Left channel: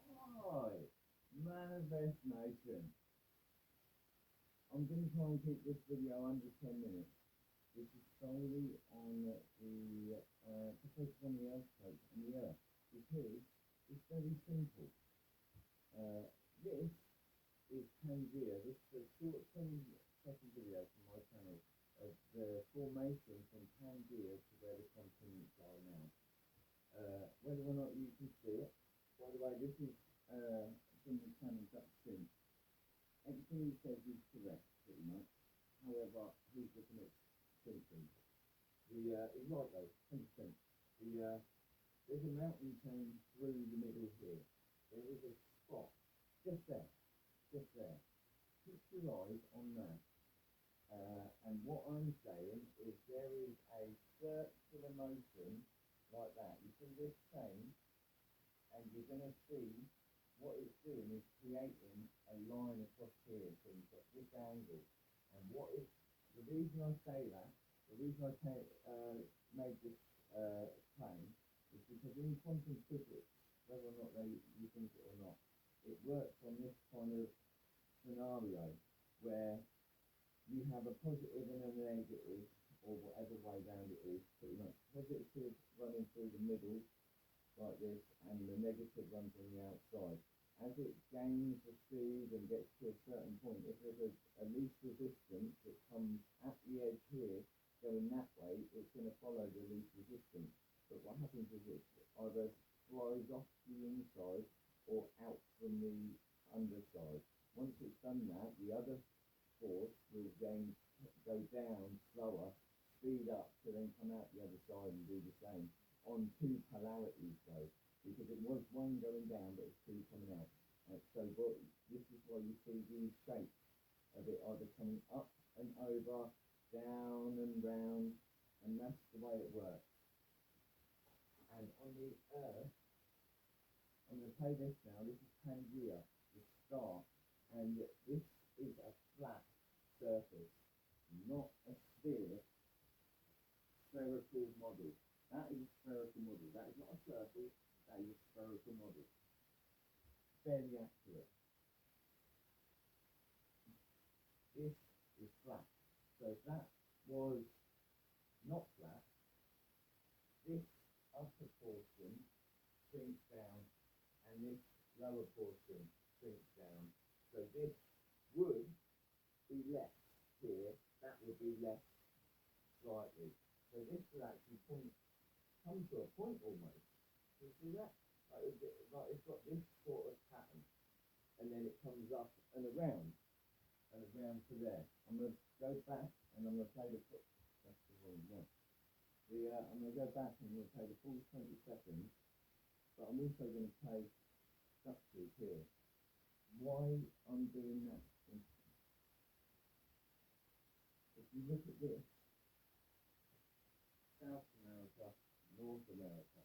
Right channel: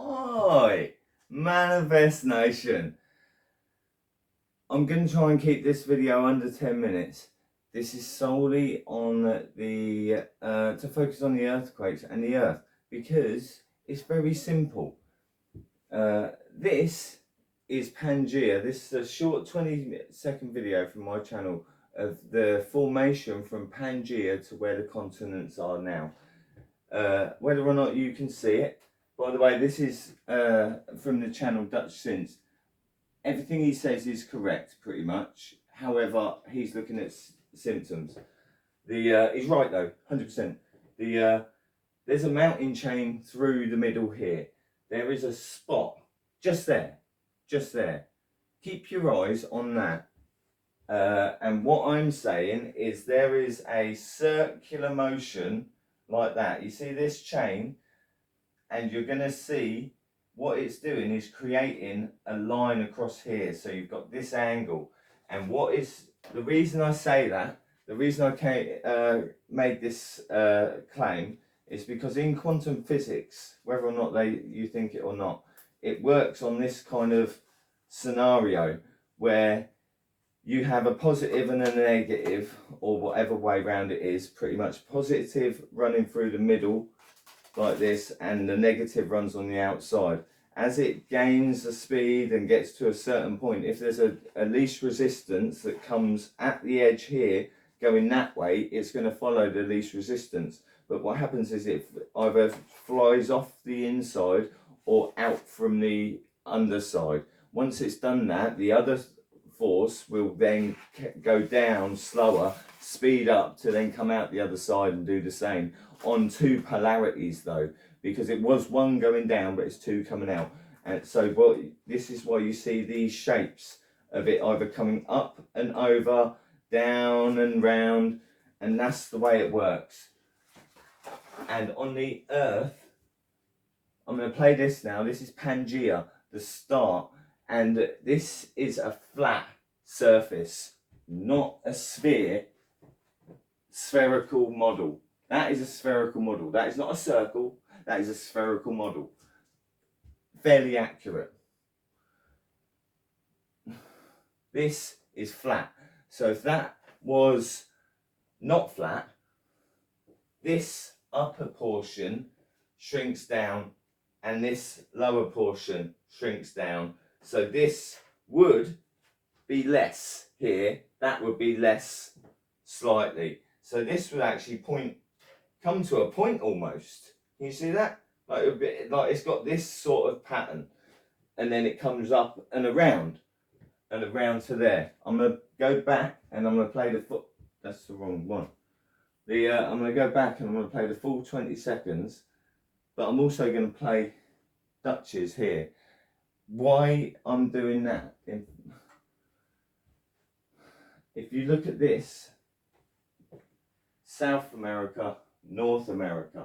Oi, Manifest Nation. I'm going to try and keep this video under 10 minutes. This is solely on the, to focus on the earthquakes and the earth, because it's very simple. This is Pangea. This is a short 20-second video from my channel of the formation from Pangea to where the continents are now. Whether or not you can see it. By the way, this is from the channel Dutch Since. Everything he says is correct, pretty much. However, he's looking at symptoms. He's right though, 100%. There's a mountain chain through the middle here. There is a spot just there, just there. Keep your eyes on that. And what I'm saying is there is a circular motion like that. You see this chain, and you're going to see what it's doing is creating a line across here. So you've got this angle, and what is the reason I say that, the reason I made this claim is because in quantum physics, whether or not you think it or not, it works on this kind of scenario where you have a positive and a negative, or whatever way round it is, pretty much positive running through the middle like this, and the negative runs on the outside. As it gains the speed and gets to a certain point, if there's a least resistance that comes at the edge here going that way, it's going to follow the least resistance. But what happens is it either flies off the inside or out from the underside. Once it's done that, the other force will then go down slower, speed up to then come out the other side and do the same, on two polarities though, because it was one going down but it's two coming out. And so this is why you see these shapes of it either coming up and over, down and round, and that's the way it works. And on the earth, I'm going to play this now. This is Pangea, the start, and this is a flat surface, not a spherical model. That is a spherical model. That is not a circle. That is a spherical model. Fairly accurate. This is flat. So if that was not flat, this upper portion shrinks down and this lower portion shrinks down. So this would be less here. That would be less slightly. So this would actually come to a point almost. Can you see that? Like a bit, like it's got this sort of pattern, and then it comes up and around to there. I'm gonna go back and I'm gonna play the foot. That's the wrong one. I'm gonna go back and I'm gonna play the full 20 seconds, but I'm also gonna play Dutches here. Why I'm doing that? If you look at this, South America, North America.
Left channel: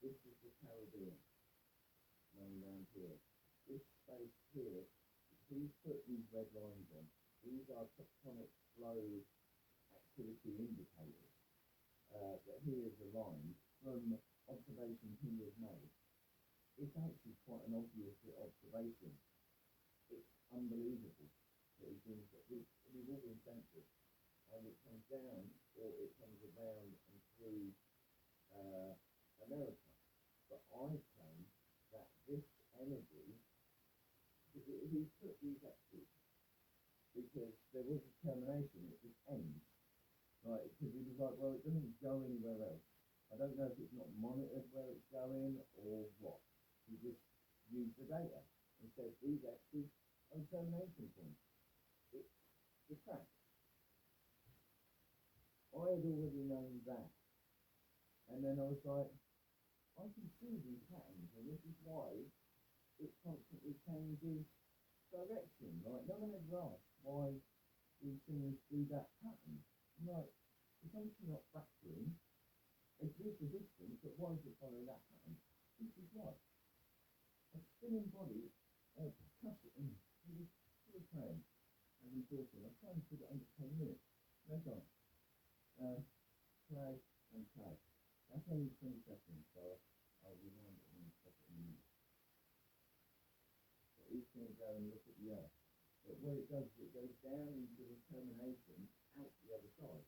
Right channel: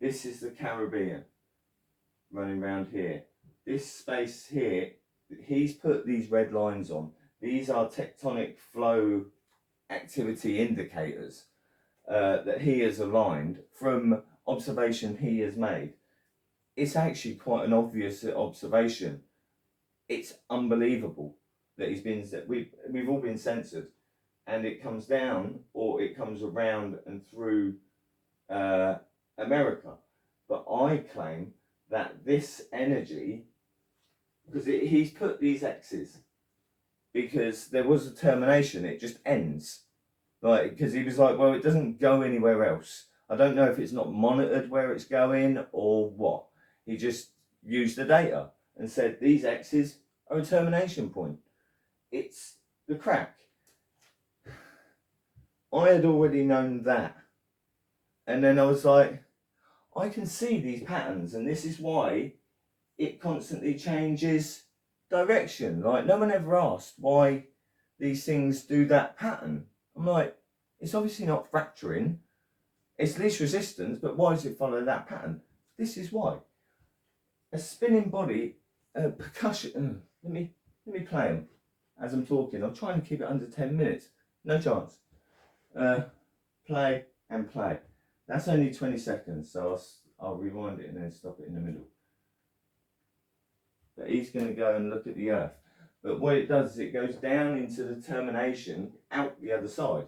This is the Caribbean running around here. This space here, he's put these red lines on. These are tectonic flow activity indicators that he has aligned from observation he has made. It's actually quite an obvious observation. It's unbelievable that we've all been censored. And it comes down, or it comes around and through America. But I claim that this energy, because he's put these X's, because there was a termination, it just ends. Like, because he was like, well, it doesn't go anywhere else. I don't know if it's not monitored where it's going or what. He just used the data and said these X's are a termination point. It's the crack. I had already known that, and then I was like, I can see these patterns, and this is why it constantly changes direction. Like, no one ever asked why these things do that pattern. I'm like, it's obviously not fracturing, it's least resistance, but why does it follow that pattern? This is why. A spinning body, percussion, let me play them as I'm talking. I'm trying to keep it under 10 minutes, no chance. Play and play. That's only 20 seconds, so I'll rewind it and then stop it in the middle. but he's going to go and look at the Earth. But what it does is it goes down into the termination out the other side.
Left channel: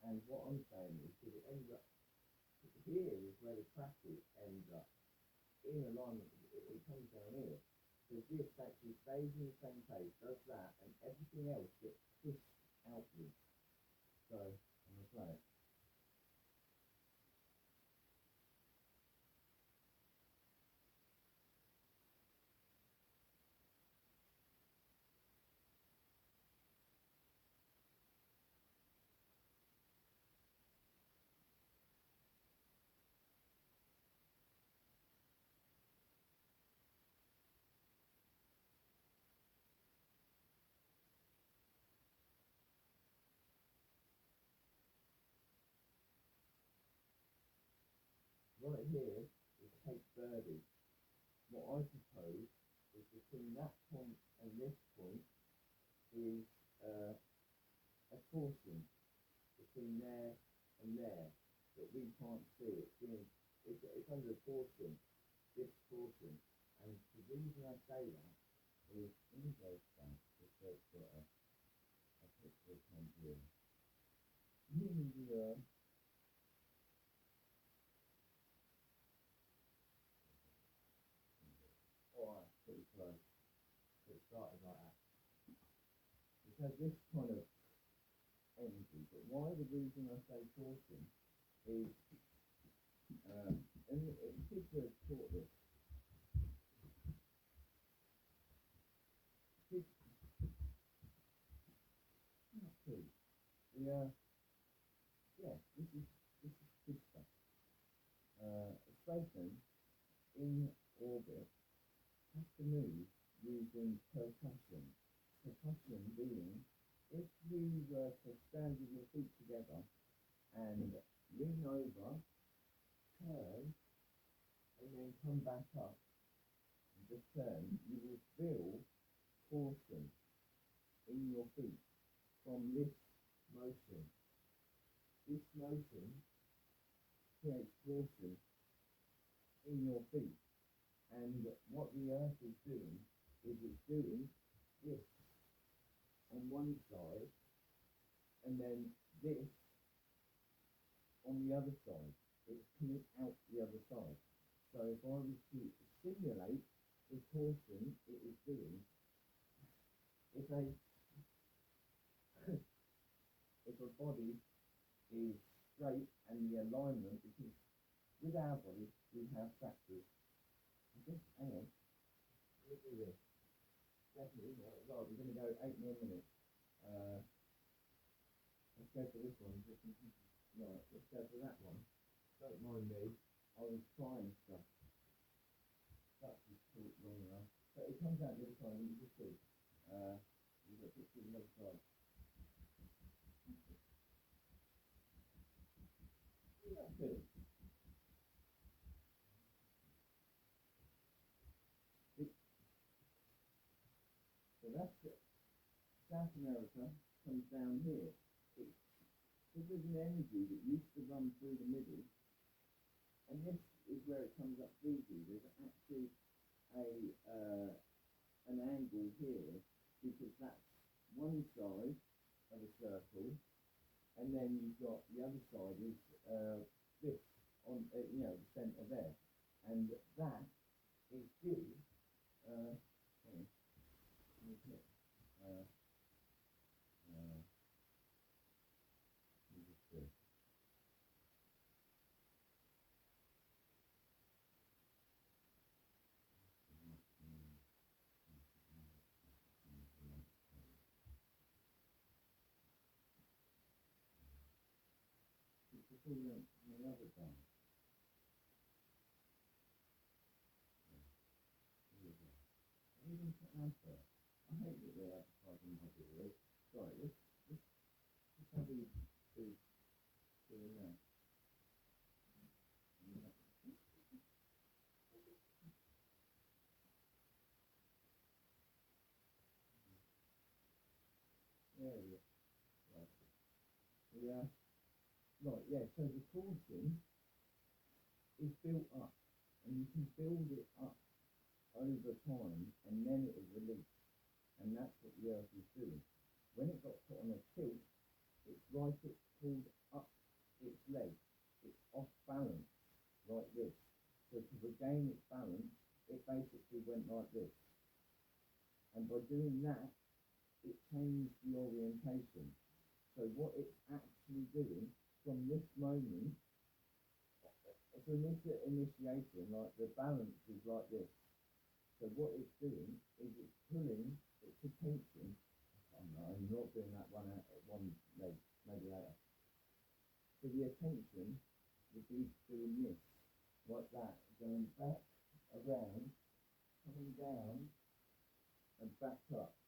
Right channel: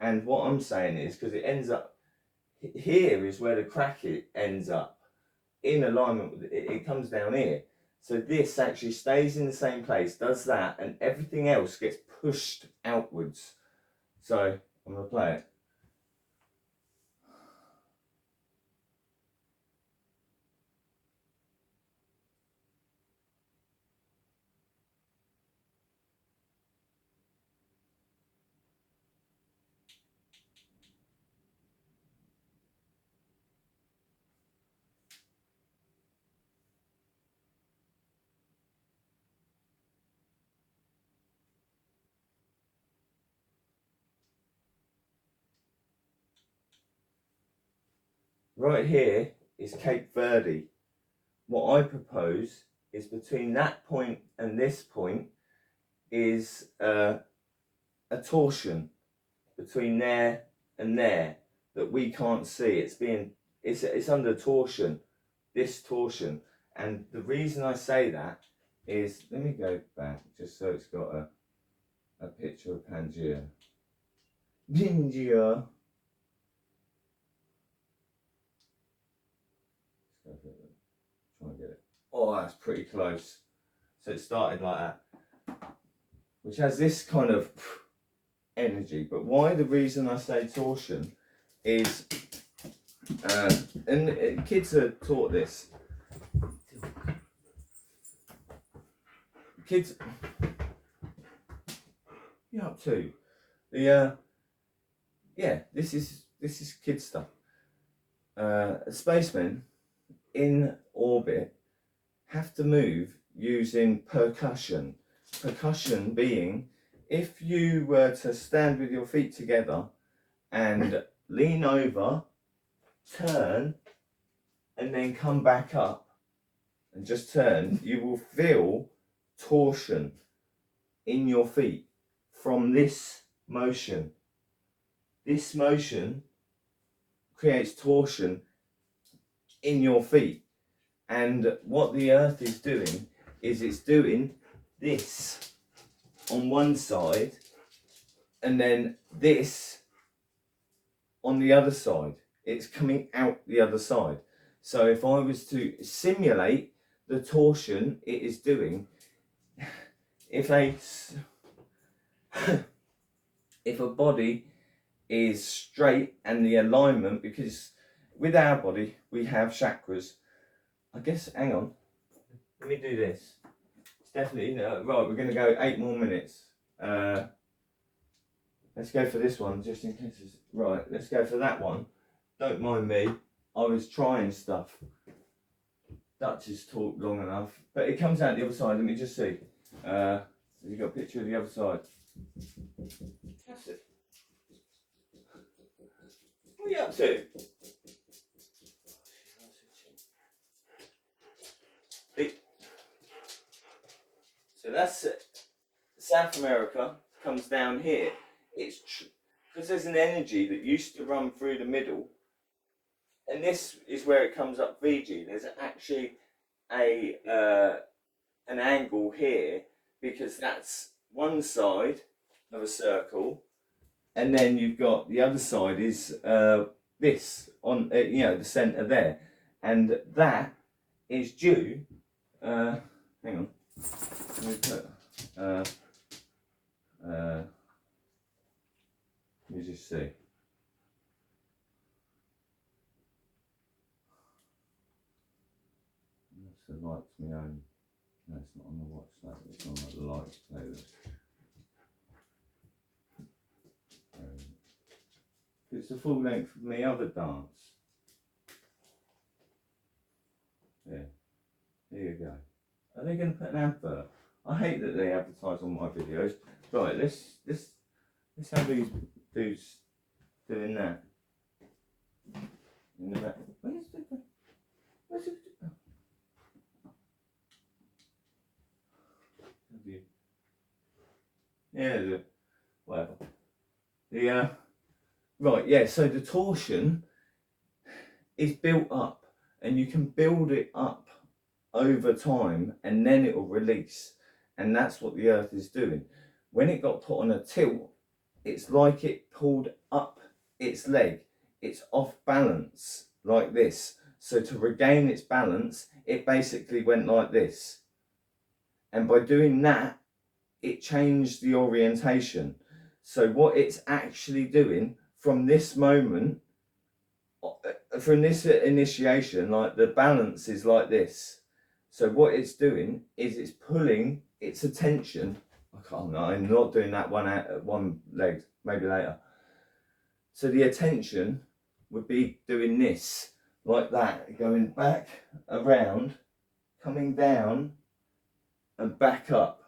And what I'm saying is, because it ends up, here is where the crack ends up, in alignment with it comes down here. So this actually stays in the same place, does that, and everything else gets pushed outwards. So I'm going to play it. Right here is Cape Verde. What I propose is between that point and this point is a torsion between there and there that we can't see. It's under torsion, this torsion. And the reason I say that is, let me go back just so it's got a picture of Pangea. Pangea. Try and get it. Oh, that's pretty close. So it started like that, which has this kind of energy. But why the reason I say torsion is, and kids are taught this. Kids, you up to? Yeah, this is kid stuff. Spacemen in orbit have to move using percussion. Percussion being, if you were to stand with your feet together and lean over, turn, and then come back up and just turn, you will feel torsion in your feet from this motion. This motion creates torsion in your feet. And what the Earth is doing is it's doing this on one side and then this on the other side. It's coming out the other side. So if I was to simulate the torsion it is doing, if a body is straight and the alignment, because with our body we have chakras. I guess, hang on, let me do this. It's definitely, right, we're going to go 8 more minutes. Let's go for this one, just in case it's, right, let's go for that one. Don't mind me, I was trying stuff. Dutch has talked long enough, but it comes out the other side, let me just see. Have you got a picture of the other side? That's it. What are you up to? So that's South America, comes down here. It's because there's an energy that used to run through the middle, and this is where it comes up VG. There's actually an angle here because that's one side of a circle, and then you've got the other side is this on the centre there, and that is due. Hang on. Let me put, let me just see. That's the lights my own. No, it's not on the watch that. It's on the lights playlist. It's the full length of my other dance. Yeah. There you go. Are they going to put an advert? I hate that they advertise on my videos. Right, let's have these dudes doing that. In the back. Where's it? Yeah, whatever. Right, yeah, so the torsion is built up, and you can build it up over time, and then it will release. And that's what the Earth is doing. When it got put on a tilt, it's like it pulled up its leg. It's off balance like this. So to regain its balance, it basically went like this. And by doing that, it changed the orientation. So what it's actually doing from this moment, from this initiation, like the balance is like this. So what it's doing is it's pulling its attention. I can't know, I'm not doing that one leg, maybe later. So the attention would be doing this, like that, going back, around, coming down, and back up.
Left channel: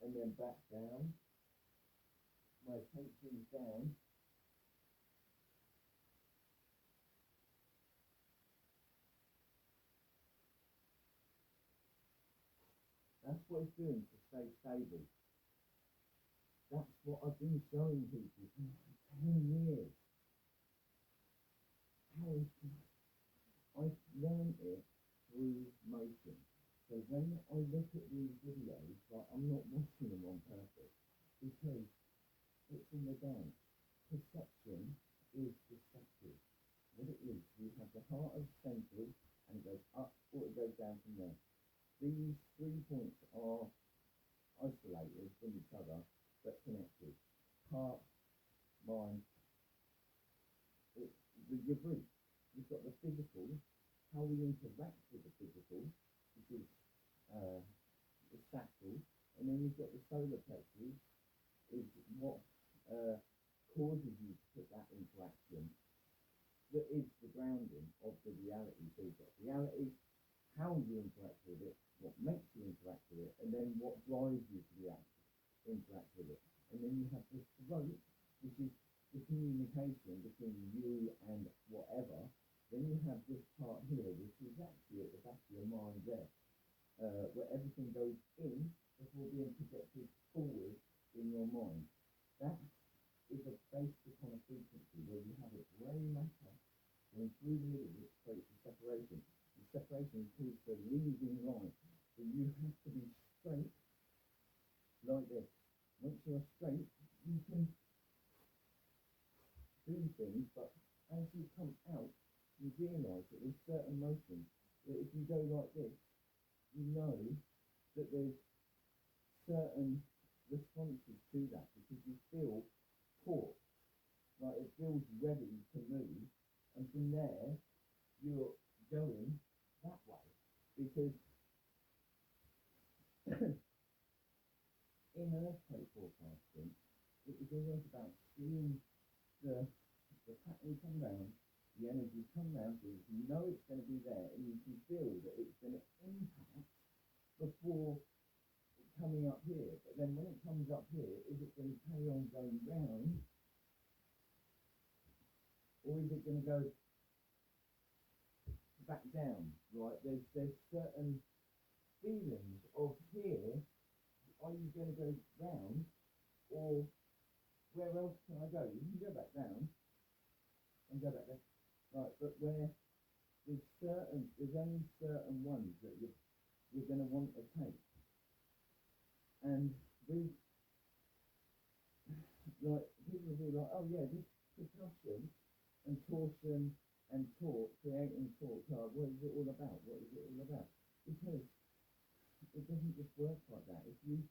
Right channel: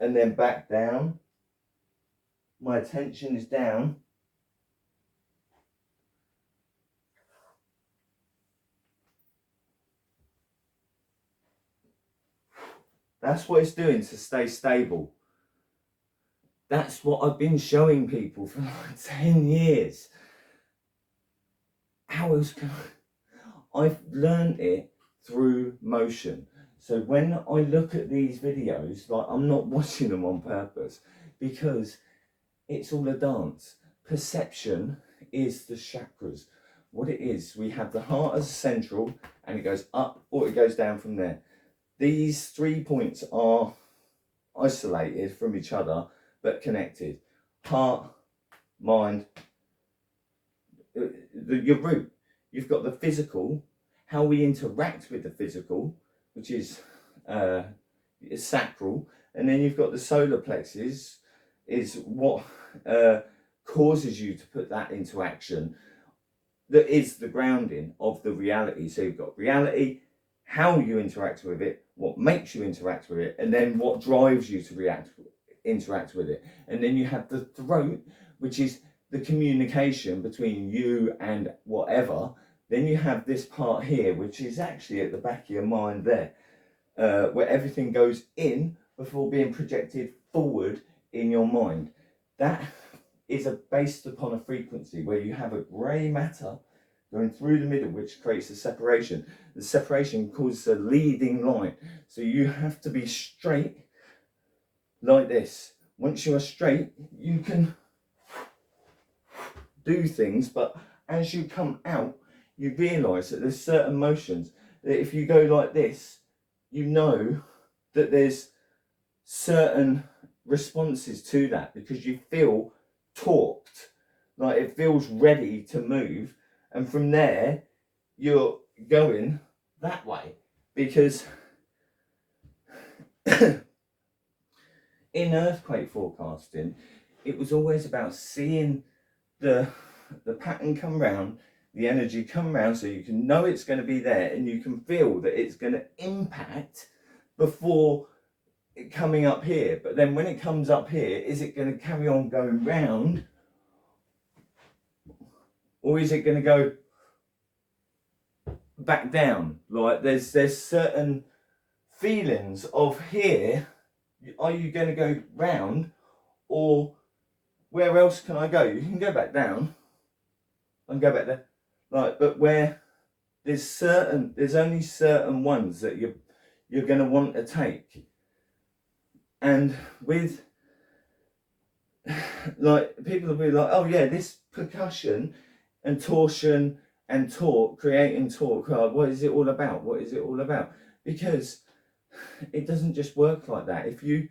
And then back down. My attention is down. That's what it's doing to stay stable. That's what I've been showing people for like 10 years. How else can I've learned it through motion. So when I look at these videos, like I'm not watching them on purpose because it's all a dance. Perception is the chakras. What it is, we have the heart as central and it goes up or it goes down from there. These 3 points are isolated from each other but connected. Heart, mind, your root. You've got the physical, how we interact with the physical, which is sacral, and then you've got the solar plexus, is what causes you to put that into action. That is the grounding of the reality. So you've got reality, how you interact with it, what makes you interact with it, and then what drives you to interact with it. And then you have the throat, which is the communication between you and whatever. Then you have this part here, which is actually at the back of your mind there, where everything goes in before being projected forward in your mind. That is based upon a frequency where you have a grey matter going through the middle, which creates a separation. The separation causes a leading line. So you have to be straight like this. Once you are straight, you can do things, but as you come out, you realise that there's certain motions that if you go like this, you know that there's certain responses to that because you feel torqued, like it feels ready to move, and from there you're going that way because in earthquake forecasting it was always about seeing the pattern come round, the energy come round, so you can know it's going to be there and you can feel that it's going to impact before it coming up here. But then when it comes up here, is it going to carry on going round, or is it going to go back down? Like there's certain feelings of here. Are you going to go round, or where else can I go? You can go back down and go back there, like, but where there's only certain ones that you're going to want to take. And with like people will be like, oh yeah, this percussion and torsion and torque, creating torque, what is it all about? What is it all about? Because it doesn't just work like that. If you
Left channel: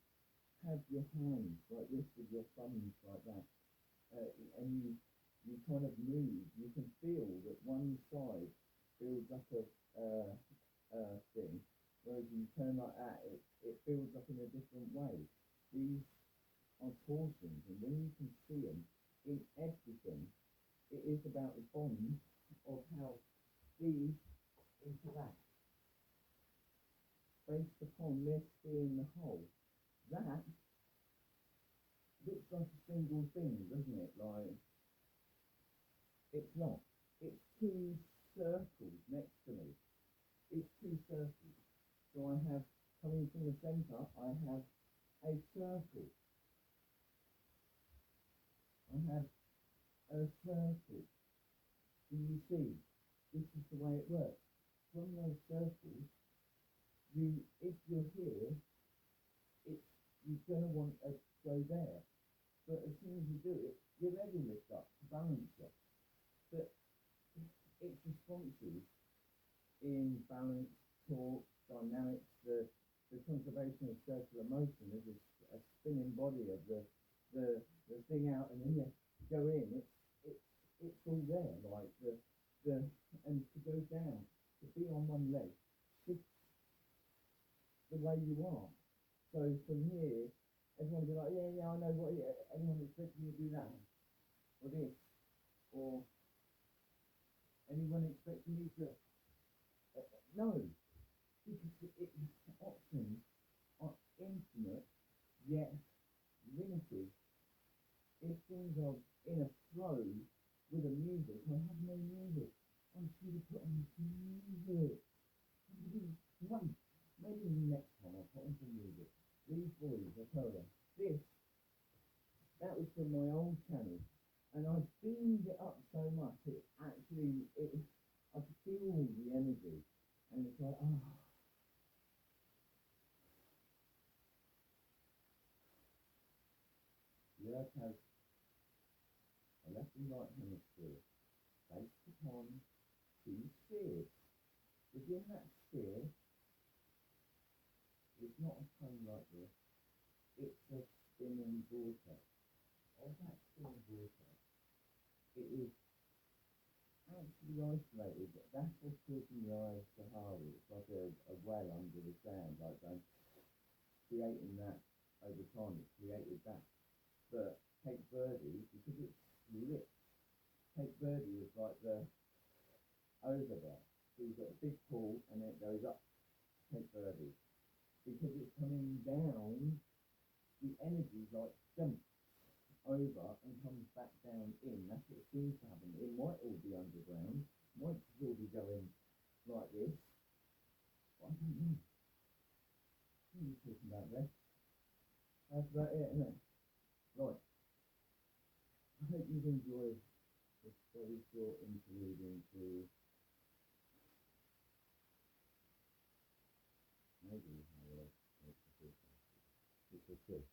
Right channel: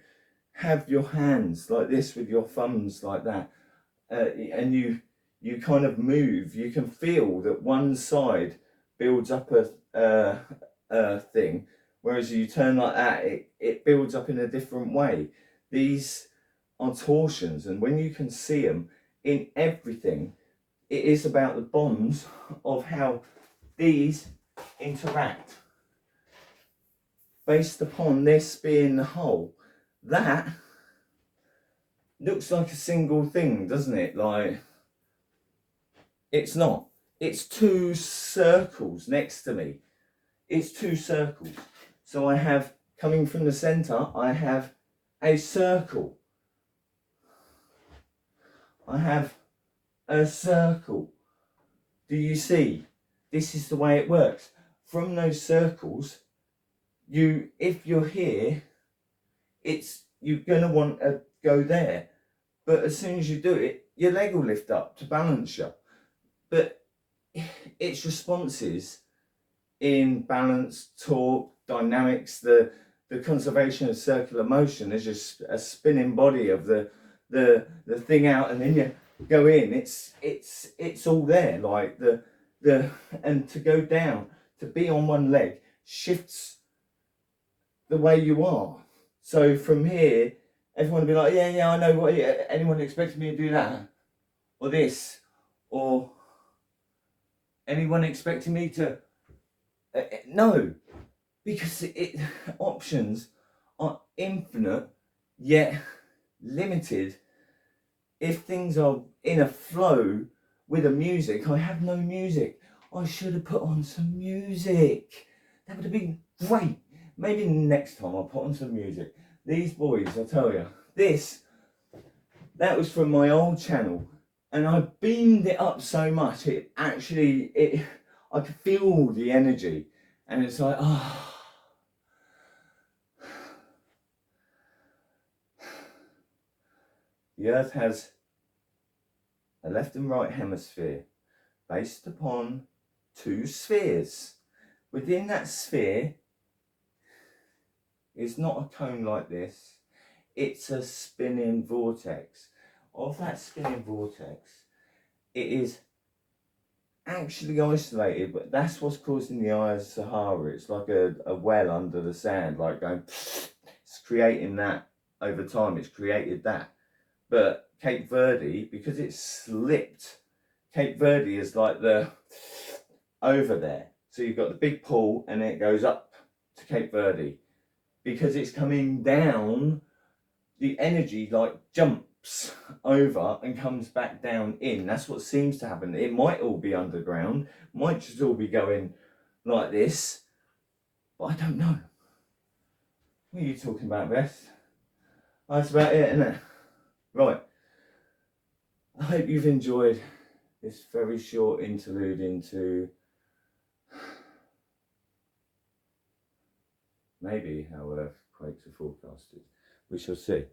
have your hands like this with your thumbs like that, and you kind of move, you can feel that one side builds up a thing, whereas you turn like that, it builds up in a different way. These are torsions, and when you can see them in everything, it is about the bonds of how these interact based upon this being the whole. That looks like a single thing, doesn't it? Like, it's not. It's two circles next to me. It's two circles. So I have, coming from the centre, I have a circle. I have a circle. Do you see? This is the way it works. from those circles, if you're here, you're going to want to go there. But as soon as you do it, your leg will lift up to balance you. But its responses in balance, torque, dynamics, the conservation of circular motion is just a spinning body of the thing out, and then you go in. It's all there. Like and to go down, to be on one leg shifts the way you are. So from here, everyone will be like, yeah, I know what. Anyone expecting me to do that, or this, or anyone expecting me to? No, because options are infinite yet limited. If things are in a flow with a music, I have no music. I should have put on some music. That would have been great. Maybe next time I'll put on some music. These boys, I tell you, that was from my old channel, and I beamed it up so much, I could feel the energy, and it's like, oh. The Earth has a left and right hemisphere based upon two spheres. Within that sphere is not a cone like this, it's a spinning vortex. Of that spinning vortex, it is actually isolated, but that's what's causing the eye of Sahara. It's like a well under the sand, like going, it's creating that over time, it's created that. But Cape Verde, because it's slipped, Cape Verde is like over there. So you've got the big pool and then it goes up to Cape Verde. Because it's coming down, the energy like jumps over and comes back down in. That's what seems to happen. It might all be underground, might just all be going like this, but I don't know. What are you talking about, Beth? That's about it, isn't it? Right. I hope you've enjoyed this very short interlude into maybe how quakes are forecasted. We shall see.